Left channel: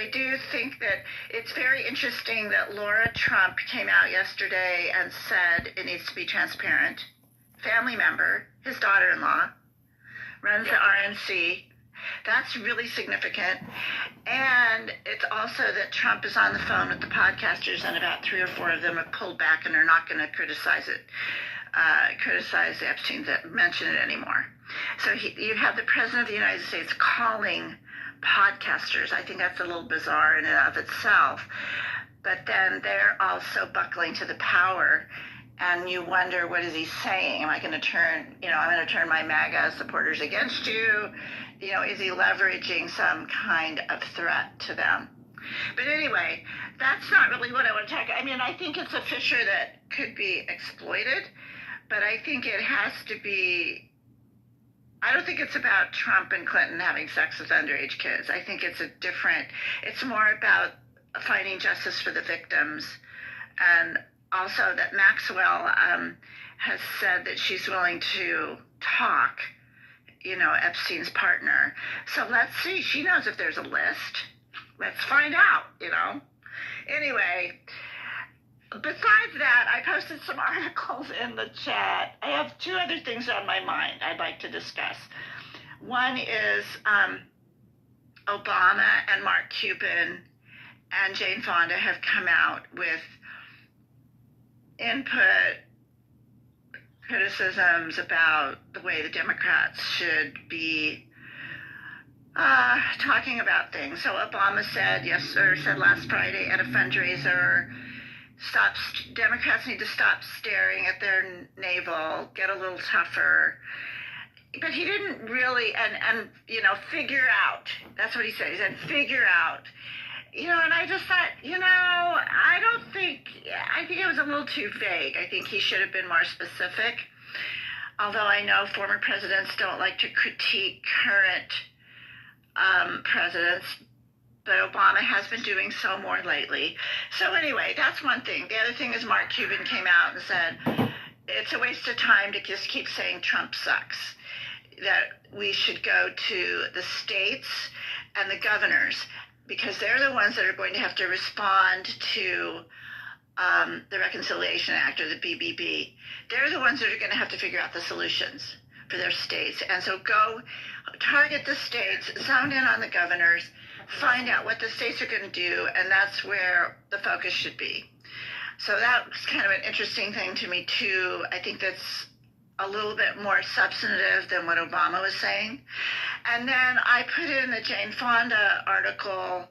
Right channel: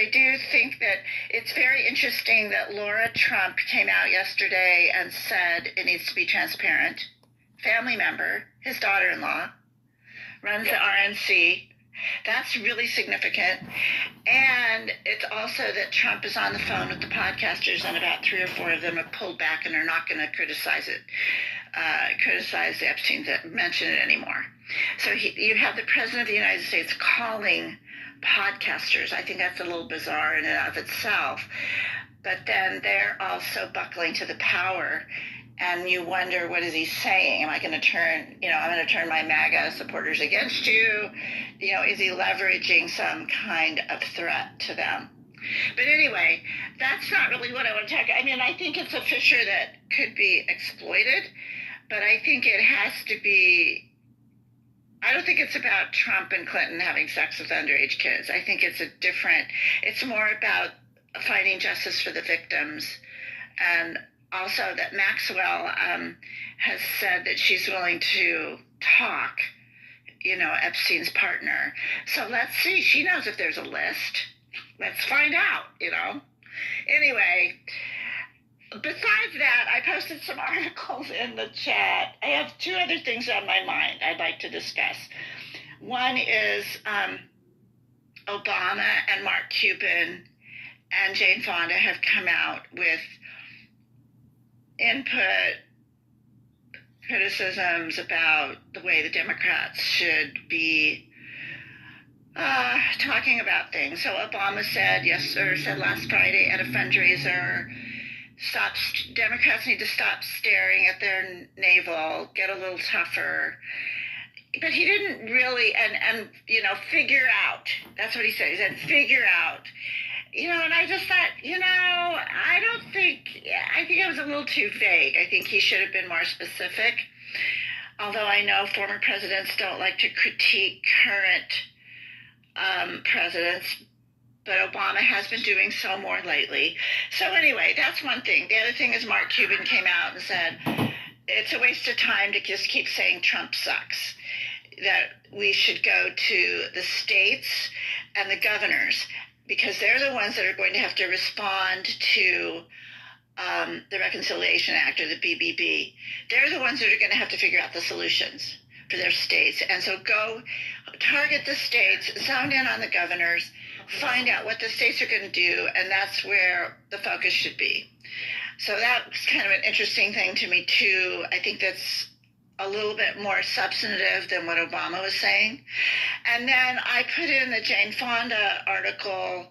I do think that it's very interesting that Laura Trump came out yesterday and said it needs to be transparent. Family member, his daughter-in-law, runs the RNC. That's really significant. And it's also that Trump is on the phone with the podcasters, and about 3 or 4 of them have pulled back and are not going to criticize the Epstein that mention it anymore. So you have the President of the United States calling podcasters. I think that's a little bizarre in and of itself. But then they're also buckling to the power. And you wonder, what is he saying? Am I going to turn, I'm going to turn my MAGA supporters against you? Is he leveraging some kind of threat to them? But anyway, that's not really what I want to talk about. I mean, I think it's a fissure that could be exploited, but I think it has to be, I don't think it's about Trump and Clinton having sex with underage kids. I think it's more about finding justice for the victims, and also that Maxwell has said that she's willing to talk, Epstein's partner. So let's see. She knows if there's a list. Let's find out, Anyway, besides that, I posted some articles in the chat. I have 2 other things on my mind I'd like to discuss. One is Obama and Mark Cuban and Jane Fonda have come out with input criticisms about the way the Democrats should be talking about things. So Obama said last Friday at a fundraiser, Democrats need to stop staring at their navel, get a little tougher. But he didn't really, and figure out. That's what he said. He said, figure out. And I just thought, I think it was a little too vague. I think he should have been more specific. Although I know former presidents don't like to critique current presidents, but Obama has been doing so more lately. So anyway, that's one thing. The other thing is Mark Cuban came out and said, it's a waste of time to just keep saying Trump sucks, that we should go to the states and the governors, because they're the ones that are going to have to respond to the Reconciliation Act, or the BBB. They're the ones that are going to have to figure out the solutions for their states. And so go target the states, zone in on the governors, find out what the states are going to do, and that's where the focus should be. So that was kind of an interesting thing to me, too. I think that's a little bit more substantive than what Obama was saying. And then I put in the Jane Fonda article